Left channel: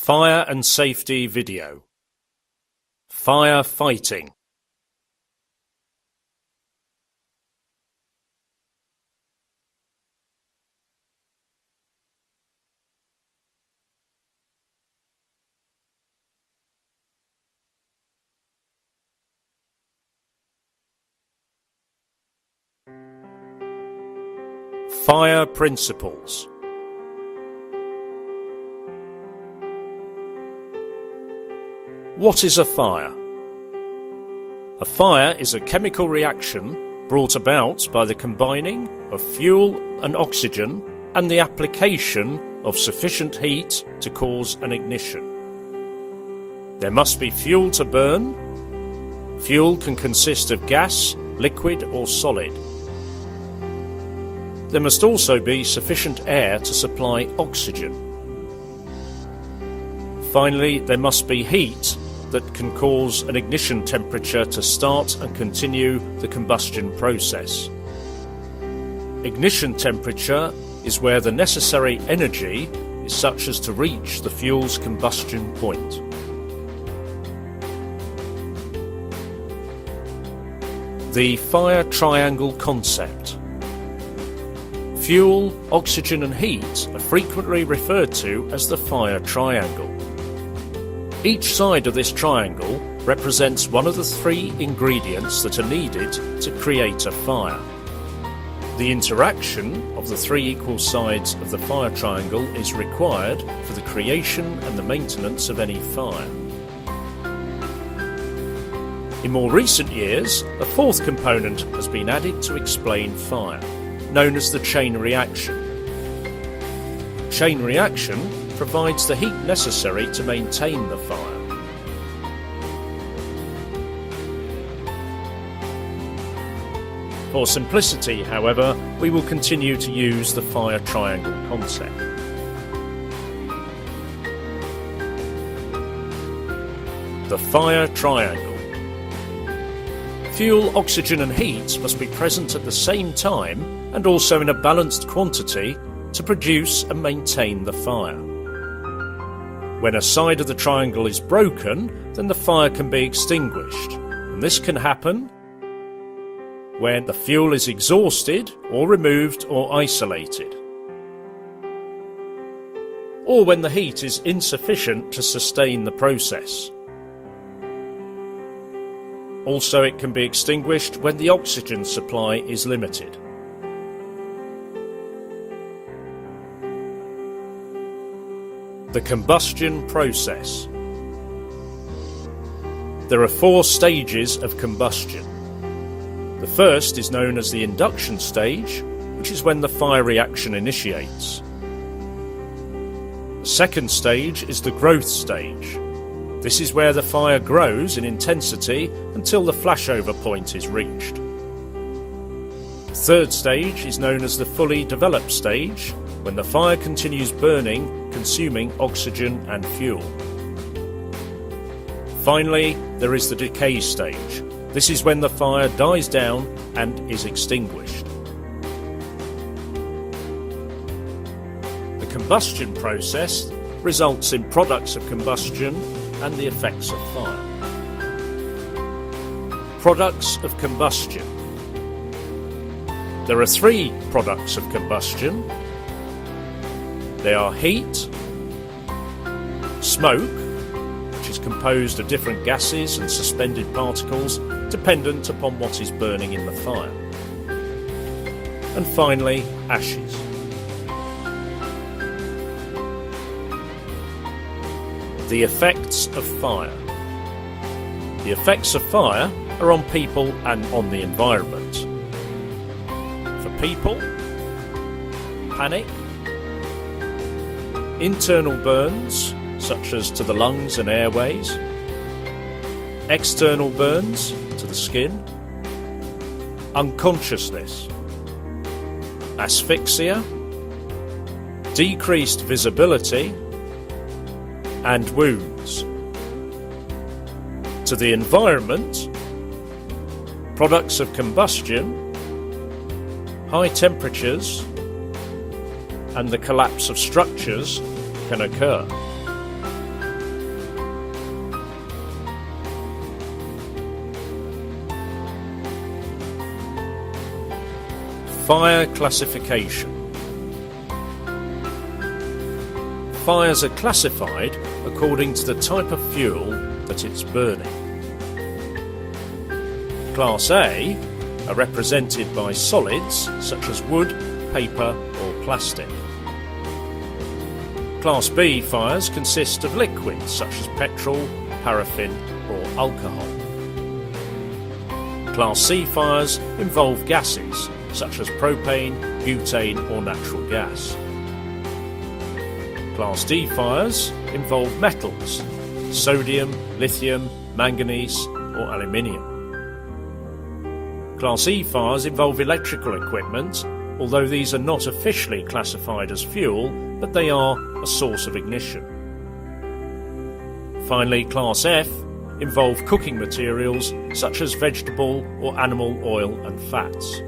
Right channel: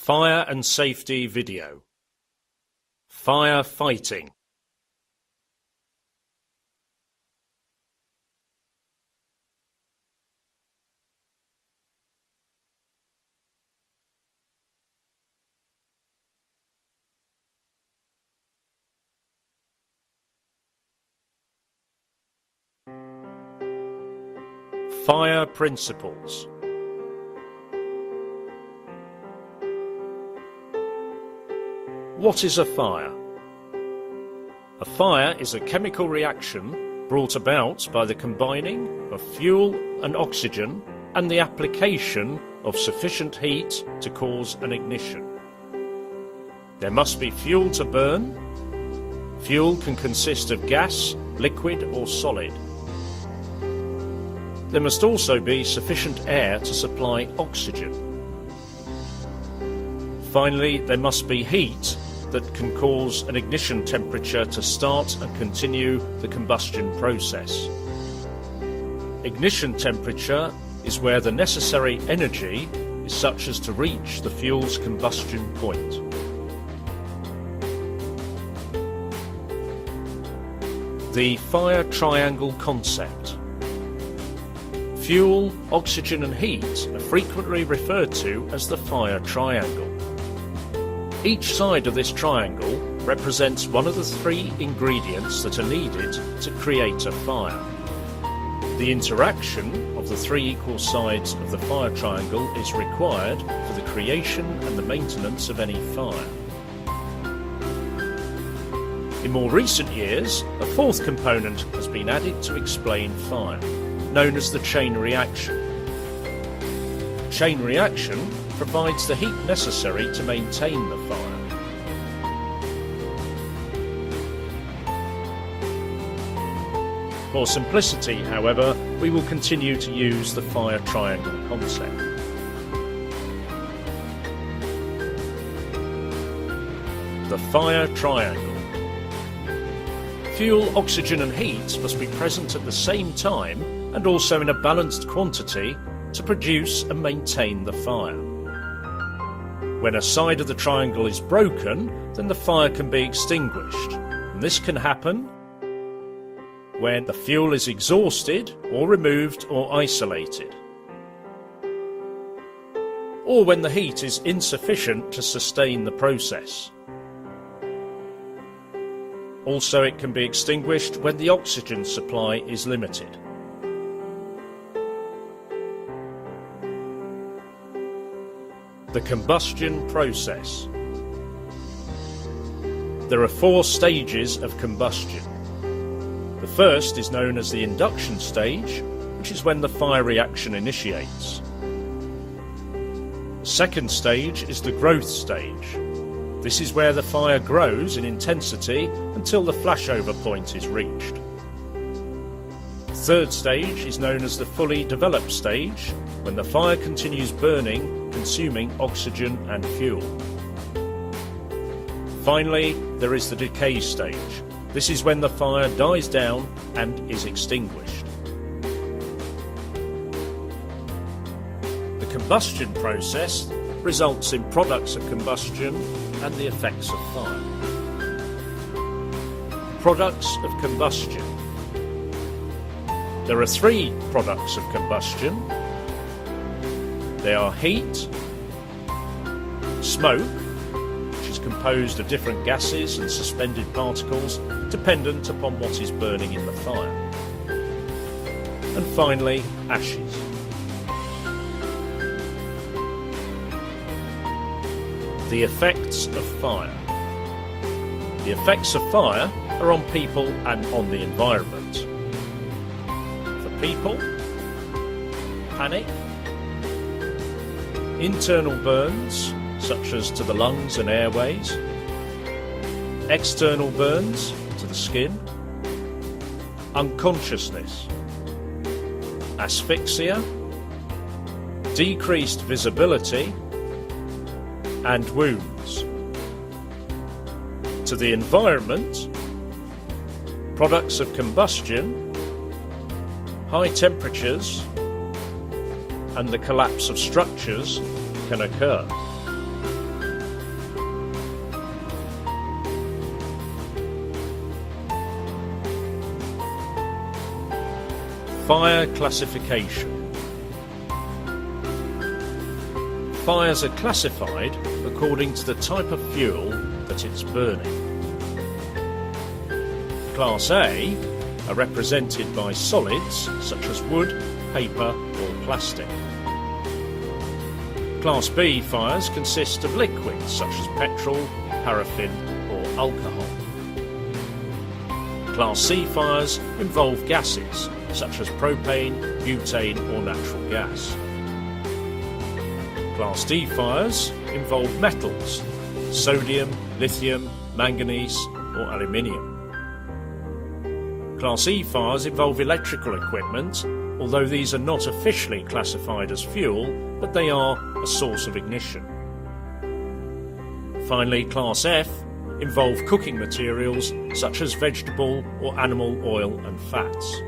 Fire and safety video. Fire fighting. Fire principles. What is a fire? A fire is a chemical reaction brought about by the combining of fuel and oxygen and the application of sufficient heat to cause an ignition. There must be fuel to burn. Fuel can consist of gas, liquid or solid. There must also be sufficient air to supply oxygen. Finally, there must be heat that can cause an ignition temperature to start and continue the combustion process. Ignition temperature is where the necessary energy is such as to reach the fuel's combustion point. The fire triangle concept. Fuel, oxygen and heat are frequently referred to as the fire triangle. Each side of this triangle represents one of the three ingredients that are needed to create a fire. The interaction of the three equal sides of the fire triangle is required for the creation and the maintenance of any fire. In more recent years, a fourth component has been added to explain fire, known as the chain reaction. Chain reaction provides the heat necessary to maintain the fire. For simplicity, however, we will continue to use the fire triangle concept. The fire triangle. Fuel, oxygen and heat must be present at the same time and also in a balanced quantity to produce and maintain the fire. When a side of the triangle is broken, then the fire can be extinguished, and this can happen when the fuel is exhausted or removed or isolated, or when the heat is insufficient to sustain the process. Also, it can be extinguished when the oxygen supply is limited. The combustion process. There are four stages of combustion. The first is known as the induction stage, which is when the fire reaction initiates. The second stage is the growth stage. This is where the fire grows in intensity until the flashover point is reached. The third stage is known as the fully developed stage, when the fire continues burning, consuming oxygen and fuel. Finally, there is the decay stage. This is when the fire dies down and is extinguished. The combustion process results in products of combustion and the effects of fire. Products of combustion. There are three products of combustion. They are heat, smoke, which is composed of different gases and suspended particles dependent upon what is burning in the fire, and finally ashes. The effects of fire. The effects of fire are on people and on the environment. For people, panic, internal burns, such as to the lungs and airways, external burns to the skin, unconsciousness, asphyxia, decreased visibility, and wounds. To the environment, products of combustion, high temperatures, and the collapse of structures can occur. Fire classification. Fires are classified according to the type of fuel that it's burning. Class A are represented by solids such as wood, paper or plastic. Class B fires consist of liquids such as petrol, paraffin or alcohol. Class C fires involve gases such as propane, butane or natural gas. Class D fires involve metals, sodium, lithium, manganese or aluminium. Class E fires involve electrical equipment, although these are not officially classified as fuel, but they are a source of ignition. Finally, Class F involve cooking materials such as vegetable or animal oil and fats.